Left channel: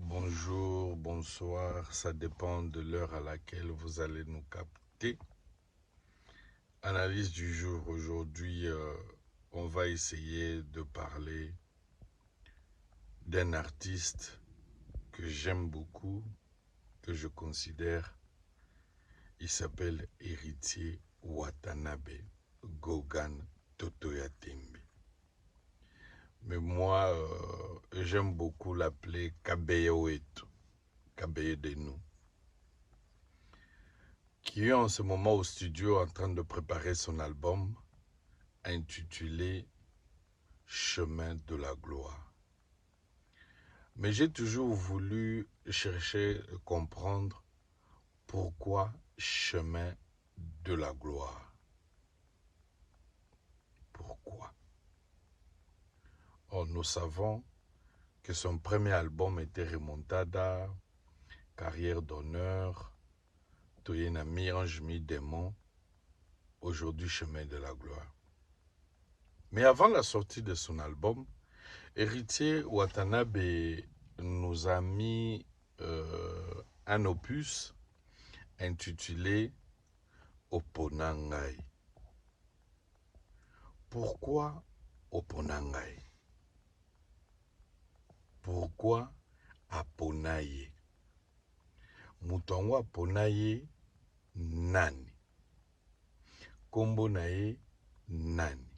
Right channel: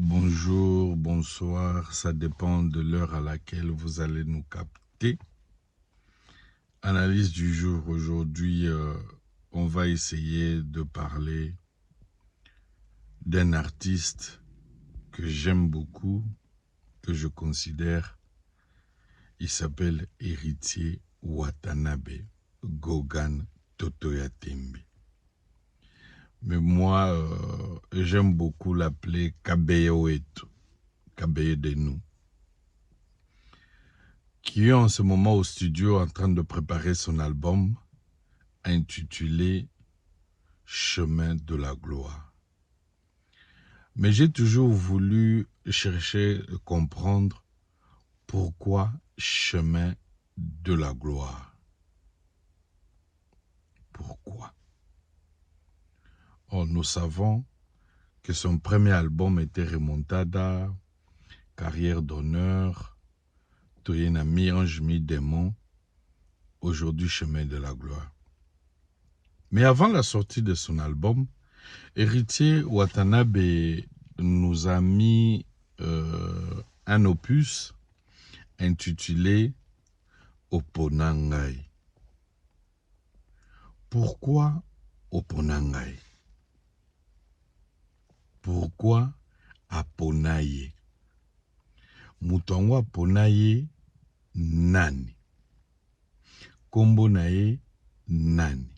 Bonjour, bonsoir, ça dépend de l'heure à laquelle vous allez nous capter. Analyse du jour, aujourd'hui, on va essayer de parler d'un artiste que j'aime beaucoup, que je considère. Il s'appelle Héritier Watanabe Gogan Totoya Tembe. Mais moi, j'aime beaucoup l'appeler Kabeye Wetu, Kabeye de nous, qui est en ce moment au studio en train de préparer son album intitulé Chemin de la gloire. Mais j'ai toujours voulu chercher à comprendre pourquoi Chemin de la gloire. Pourquoi? Or, nous savons que son premier album était Remontada, Carrière d'honneur, Toyena mi-ange mi-démon, aujourd'hui Chemin de la gloire. Mais avant la sortie de son album, Héritier Watanabe nous a mis un opus intitulé Oponangai. Pourquoi Oponangai? Pourquoi Aponaye? Mutongo Aponaye nani? Kombo naye nani?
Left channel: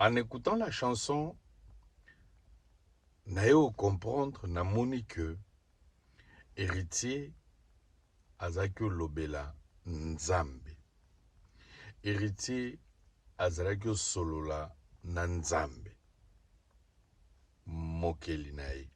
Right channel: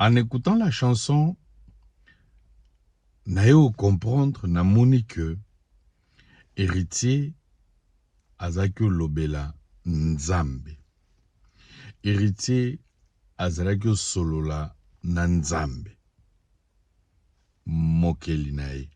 En écoutant la chanson, naye au comprendre, namoni que Héritier azaki lobela Nzambe. Héritier azalaki solola na Nzambe. Mokeli naye.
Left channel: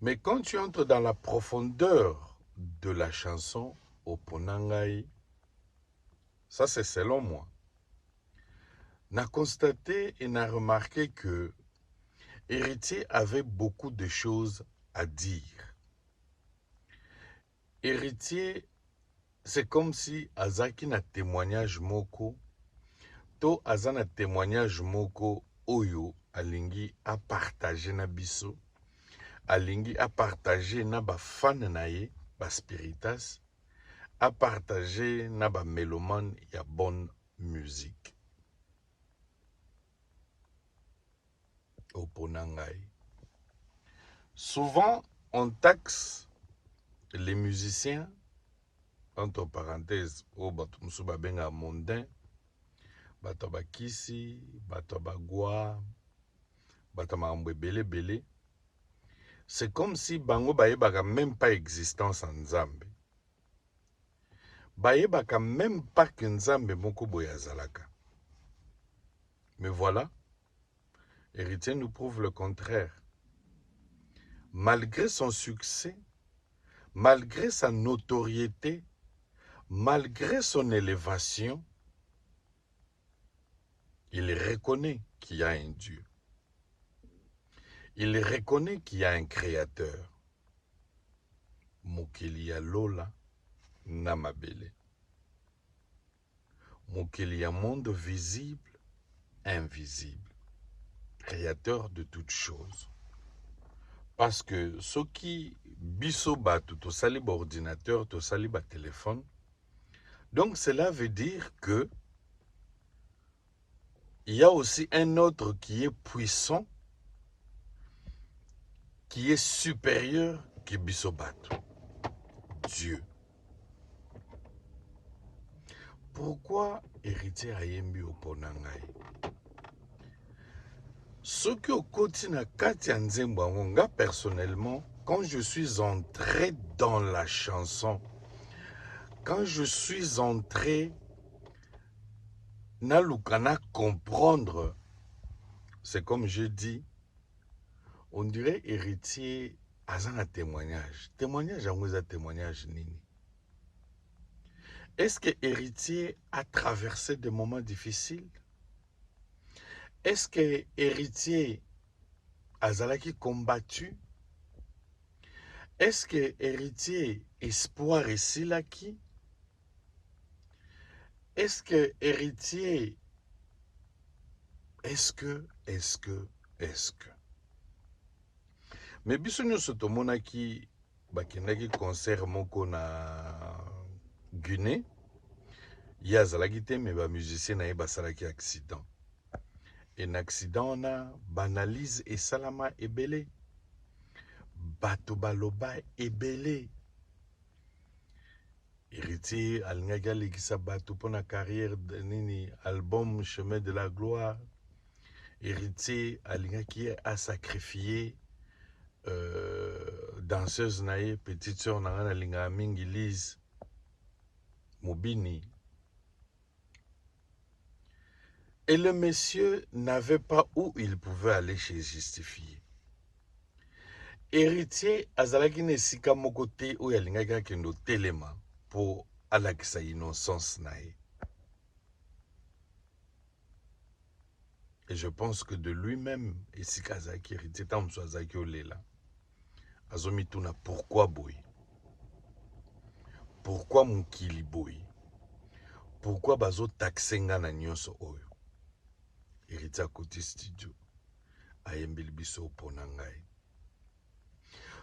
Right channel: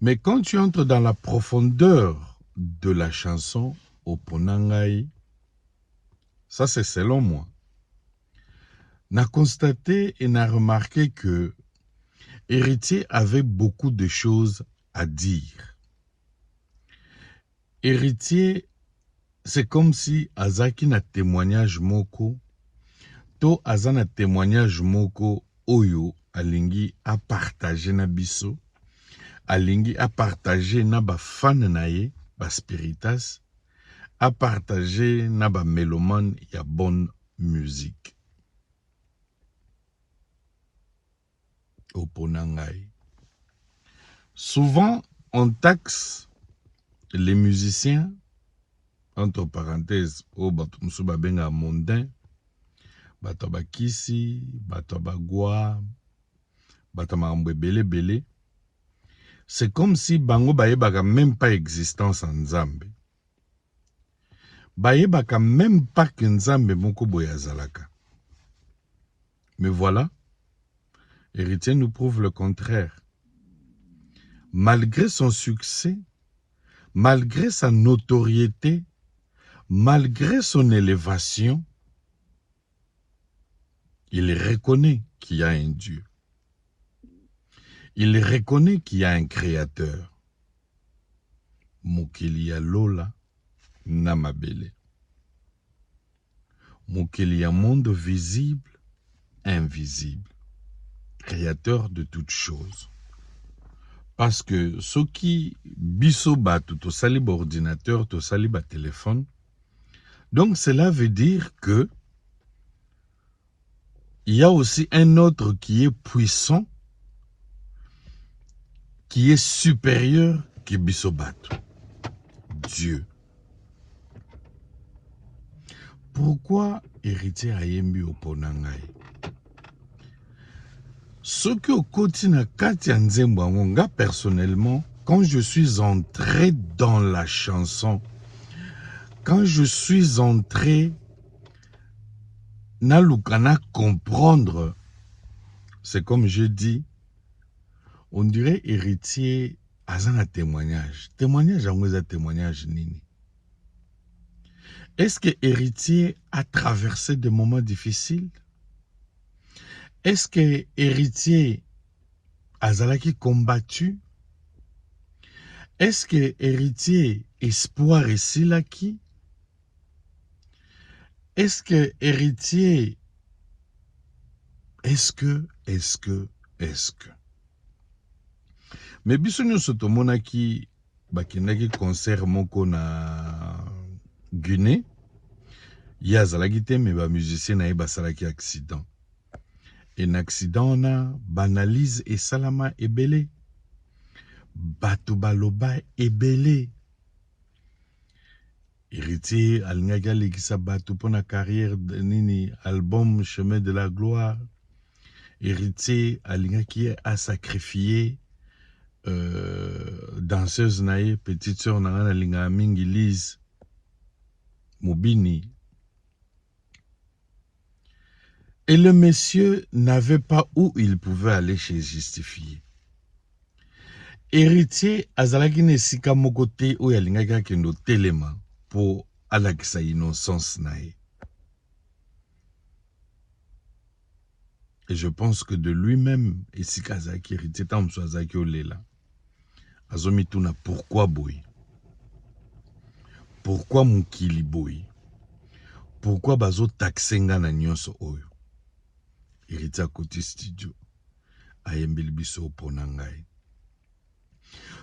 Mais quand tu entres dans la profondeur de la chanson Oponangai, ça c'est selon moi, n'a constaté et n'a remarqué que Héritier avait beaucoup de choses à dire. Héritier, c'est comme si azaki na témoignage moko, to azana témoignage moko oyo alingi a partager na biso, alingi a partager na ba fan na ye, ba spiritas, a partager na ba mélomane ya bonne musique. Oponangai. Souvent, on taxe les musiciens, entre parenthèses, au batumsu babenga mondain, bataba kisi, bataba gwa, bataba mbebele bele. C'est comme si bango baebaka même pas existence en Nzambe. Baebaka même pas que Nzambe moko boye azalaka. Mais voilà, Héritier nous prouve le contraire. Malgré son succès, malgré sa notoriété, malgré son élévation, il reconnaît qu'il y a un Dieu. Il reconnaît qu'il y a un créateur. Mokeli ya lola namabele. Mokeli ya monde visible, invisible. Créateur de toutes choses. Parce que ce qui biso batu to sali ba ordinateur, to sali ba téléphone, donc cela veut dire que il y a aussi un autre qui est puissant, qui est supérieur que biso batu. Dieu. Pourquoi Héritier ayembi Oponangai? Ce que au quotidien Katia Nzembwangonga, personnellement, quand je suis entré dans la chanson, quand je suis entré Nalukana comprendre, c'est comme je dis, on dirait Héritier azana témoignage. Témoignage à témoignage nini. Est-ce que Héritier a traversé des moments difficiles? Est-ce que Héritier azalaki combattu? Est-ce que Héritier espoir et silaki? Est-ce que Héritier est-ce que Mais biso nyonso tomonaki bakendaki concert moko na Guinée. Ye azalaki te me bamusicien na ye basalaki accident. Et na accident na banalise esalama ebele. Bato baloba ebele. Héritier alingaki alekisa bato pona carrière nini album Chemin de la Gloire. Héritier alingaki a sacrifié danseuse naïe, petite sœur Nangana Linga Mingi Lise Mobini. Et le monsieur n'avait pas où il pouvait aller chez justifier. Héritier azalaki nesika mokote ou yalingaka kendo telema pour alakisa innocence naïe. Et je pense que de lui-même, esika azaki héritier tamso azaki olela. Azomituna pourquoi boy? Pourquoi mukili boy? Pourquoi bazo taxenga na nyonso oyo? Héritier côté studio ayembeli biso opona ngai.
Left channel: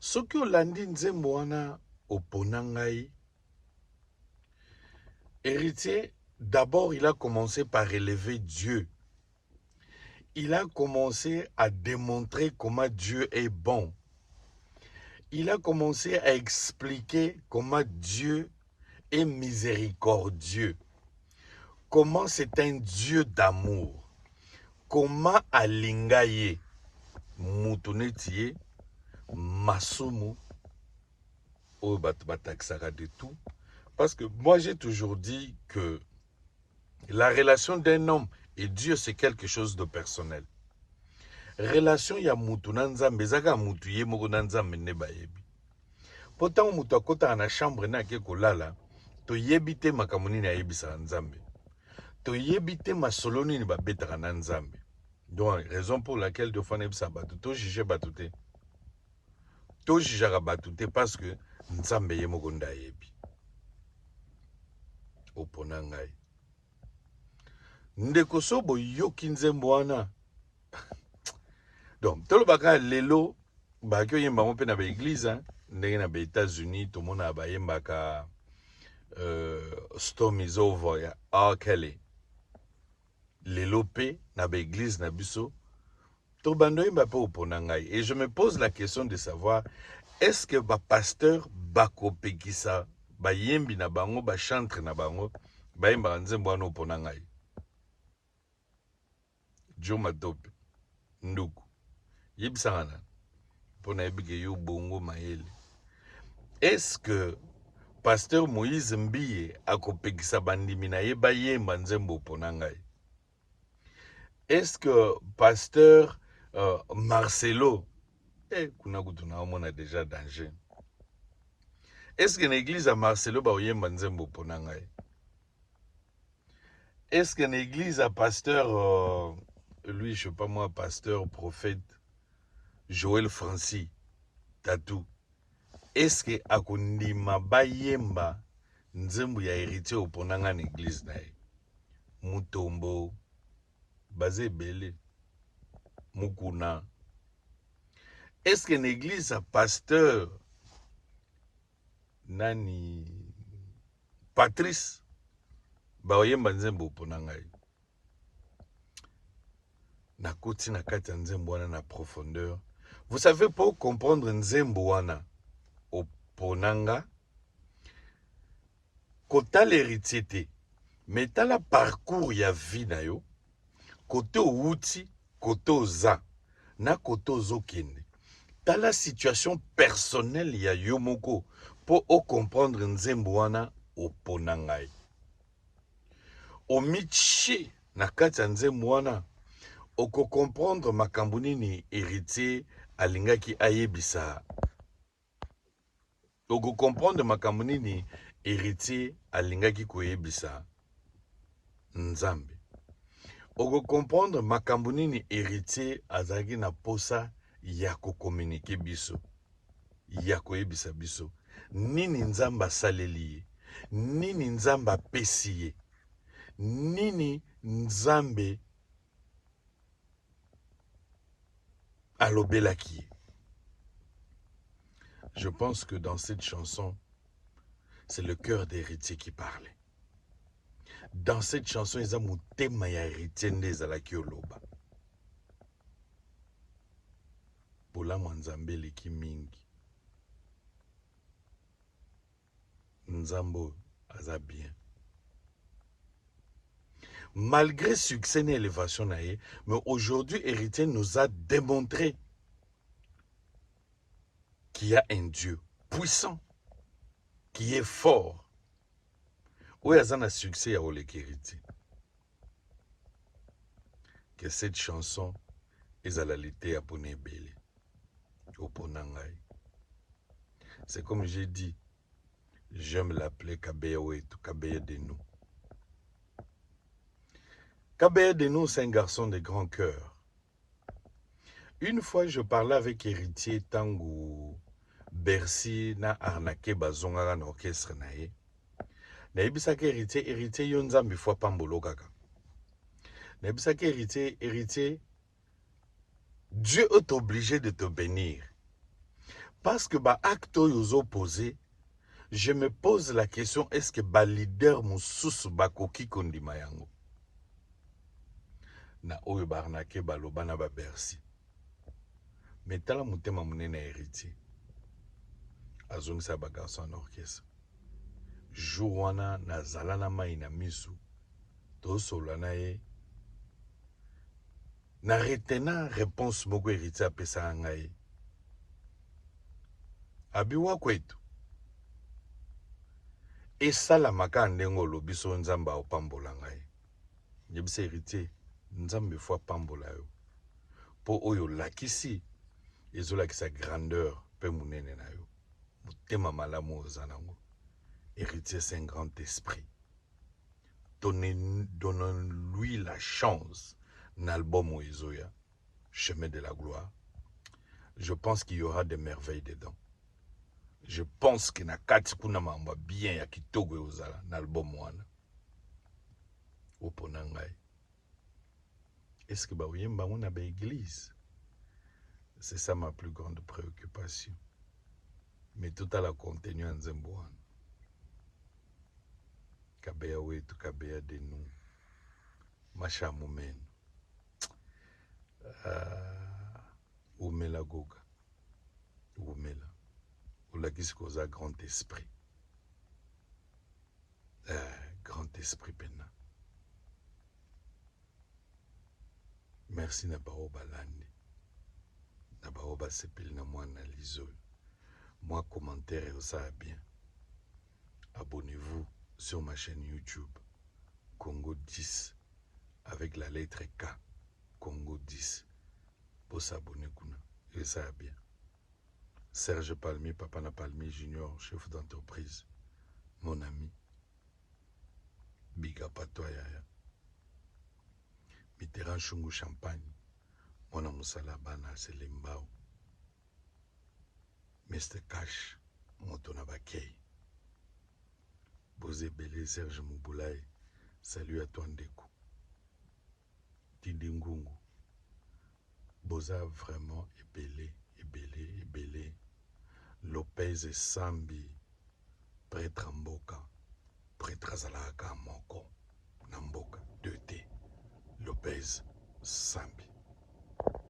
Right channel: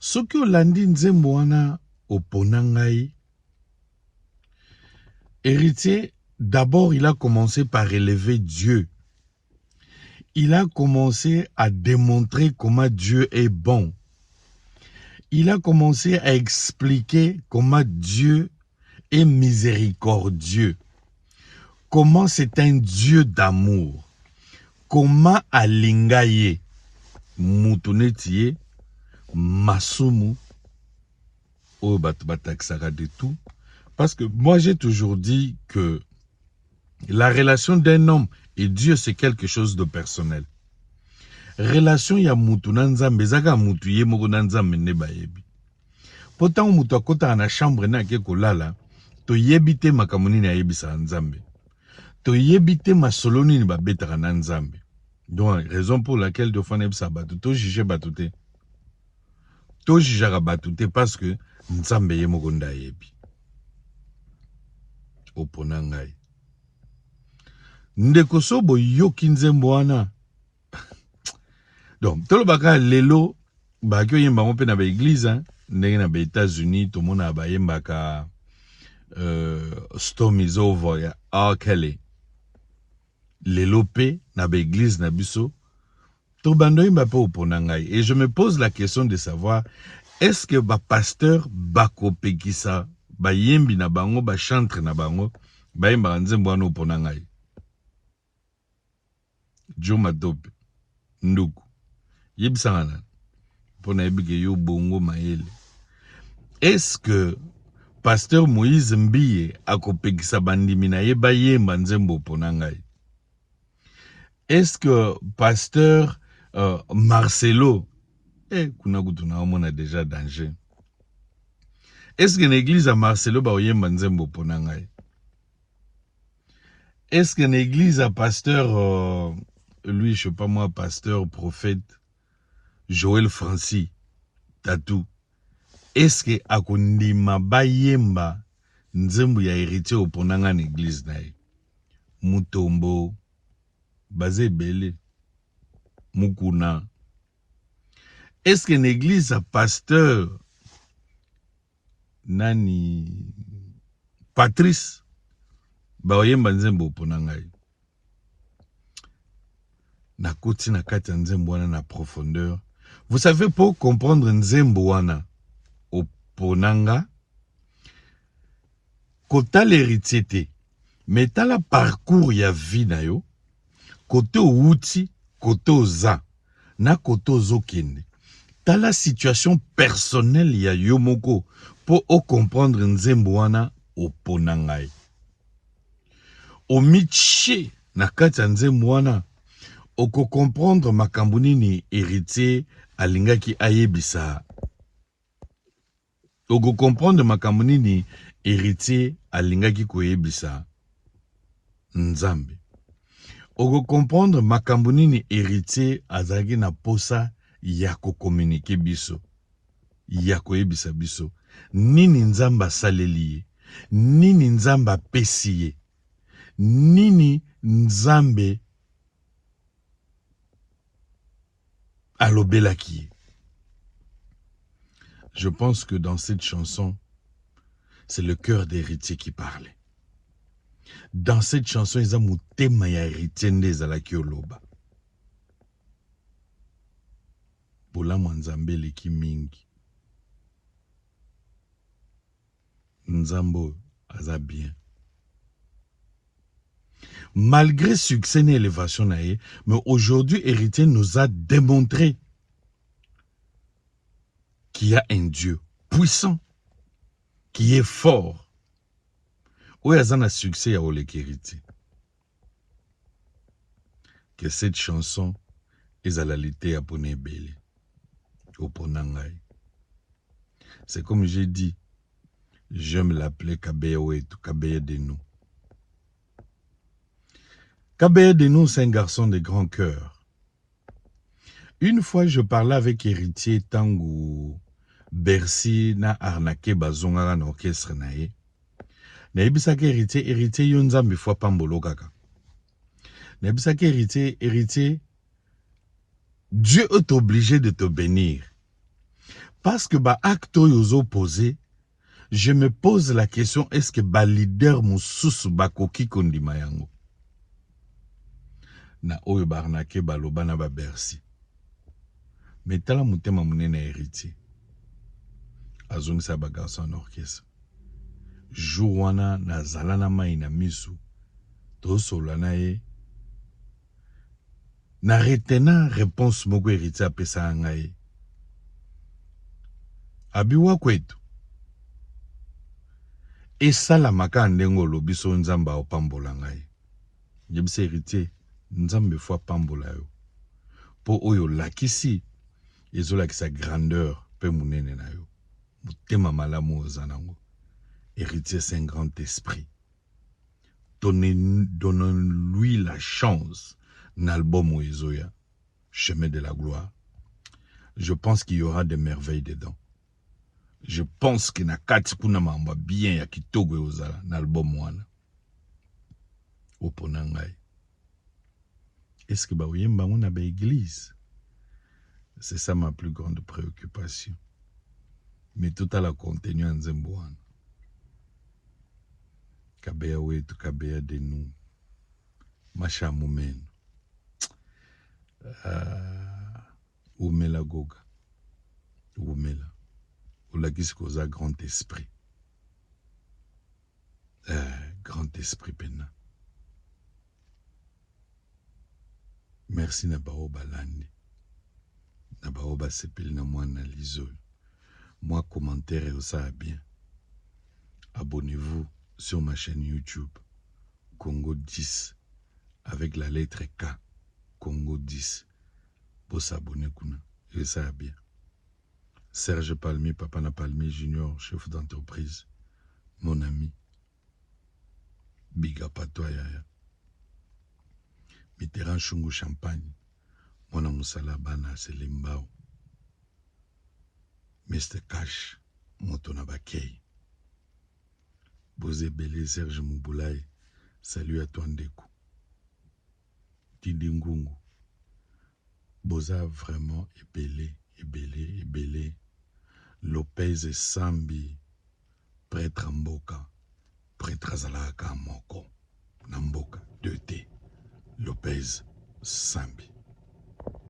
Soki olandi nzembo wana opona ngai, Héritier, d'abord il a commencé par élever Dieu. Il a commencé à démontrer comment Dieu est bon. Il a commencé à expliquer comment Dieu est miséricordieux. Comment c'est un Dieu d'amour. Comment alingaye mutunetie masumu o bataksara de tout. Parce que moi j'ai toujours dit que la relation d'un homme et Dieu c'est quelque chose de personnel. Relation ya mutu na nzambe zaka mutu ye moko na nzambe ne bayebi. Pourtant mutu akota na chambre na ke kolala to yebite makamuni na yebisa nzambe. To yebite masoloni ni babetaka na nzambe. Donc raison pour laquelle de fois nebisa batu to juger batu te. To jugera batu te parce que nzambe ye moko nda yebi. Opona ngai. Ndeko sobo yoki nzembo wana. Donc, tout le bagage lelo, bagyo yemba on pe na ba église, ndenge na ba États-Unis, tout le monde a ba yemba ka storm is over ya R. Kelly. Lelo pe na ba église na biso, to bando yemba pe opona ngai. Et je me pose la question de savoir, est-ce que ba pasteur bako pekisa, ba yembi na bango, ba chantre na bango, ba yemba nzembo wana opona ngai. Juma Dope, Nduku. Yebisangana. Est-ce que pasteur Moïse Mbiye akopekisa bandimi na yeba yemba nzembo ponangai? Est-ce que pasteur Marcelo kuna kutuna omona déjà danger? Est-ce que l'église à Marcelo ba yemba nzembo ponangai? Est-ce que l'église à pasteur lui je sais pas moi pasteur prophète Joël Francis Tatou, est-ce que akundima bayemba nzembo ya héritier oponanga na église na ye? Mutombo bazebele mukuna. Est-ce que l'église a pasteur nani Patrice bayemba nzembo oponanga ye? Na koti na kati nzembo wana na profondeur. Vous savez, pour comprendre nzembo wana oponanga, kota l'héritier te, mais t'as la parcours ya vie na yo, kote outi, kote oza, na kote ozokende. T'as la situation personnelle ya yo moko, pour comprendre nzembo wana oponanga. Omiche na kati nzembo wana, oko comprendre makambuni ni héritier alingaki ayebisa. Oko comprendre makambuni ni héritier alingaki koyebisa nzambe. Oko comprendre makambuni ni héritier azaki na posa ya ko communiquer biso. Ya koyebisa biso. Nini nzamba saleli, nini nzamba pesi, nini nzambe alobelaki. Je pense que dans cette chanson, c'est le cœur d'héritier qui parlait. Dans cette chanson, ils ont motema ya héritier ndezalaki oloba. Bolamu nzambe leki mingi. Nzambo aza bien. Malgré succès et élévation, mais aujourd'hui, héritier nous a démontré qu'il y a un Dieu puissant, qui est fort. Où il y a un succès à héritier. Que cette chanson est à la lité à Poné Bélé. Au Ponangaï. C'est comme j'ai dit, j'aime l'appeler Kabeya Kabeya Denou. Kabeya Denou, c'est un garçon de grand cœur. Une fois, je parlais avec héritier Tango Bercy na arnaqué bazonga na orchestre nae. Na ebisaka héritier yo nzambe fois pambolo kaka. Na ebisaka héritier Dieu est obligé de te bénir. Parce que ba acte yozo posé, je me pose la question, est-ce que ba leader mususu bakoki kondima yango? Na oyo ba arnaqué baloba na ba Bercy. Mais tala mutema munene héritier. Azongisa ba garçon en orchestre. Jour wana na zalana mai na misu. To solana ye. Na retena réponse moko héritier apesa ngai. Abiwa kwetu. Esalamaka ndengo lobi so nzamba opambola ngai. Yebisa héritier, nzambe fois pambola yo. Po oyo lakisi, ezolakisa grandeur pe munene na yo. Mutema malamu ozanango. Héritier, c'est un grand esprit. Donnons-lui la chance. N'album Oezoya, Chemin de la gloire. Je pense qu'il y aura des merveilles dedans. Je pense que Nakati kuna mamba bien ya kitoko ozala n'album wana. Oponangai. Est-ce que ba oyemba on a ba église? C'est ça ma plus grande préoccupation. Mais tout à la contenu en Zembouane. Kabeya wetu, Kabeya Denou. Macha Moumeno. Oumela Goga. Oumela. Olakisi koza grand esprit. Grand esprit pena. Merci na baoba landi. Na baoba sepeli na mwana lizo. Moi commentaire et ça bien. Abonnez-vous sur ma chaîne YouTube Congo 10 avec la lettre K Congo 10 pour s'abonner kuna et ça bien. Serge Palmi, Papa na Palmi Junior, chef d'entreprise, mon ami. Big up à toi yaya. Mitterrand Chungu Champagne, Mona Musala Bana Selimbao. Mr. Cash, Motona Bakei. Bosé Belé, Serge Mouboulaye, salut à toi Ndeko. Tidi Ngungu, Boza vraiment ébélé. Lopez et Sambi, prêtre Mboka, prêtre Azalaka Moko, Namboka, 2T, Lopez, Sambi.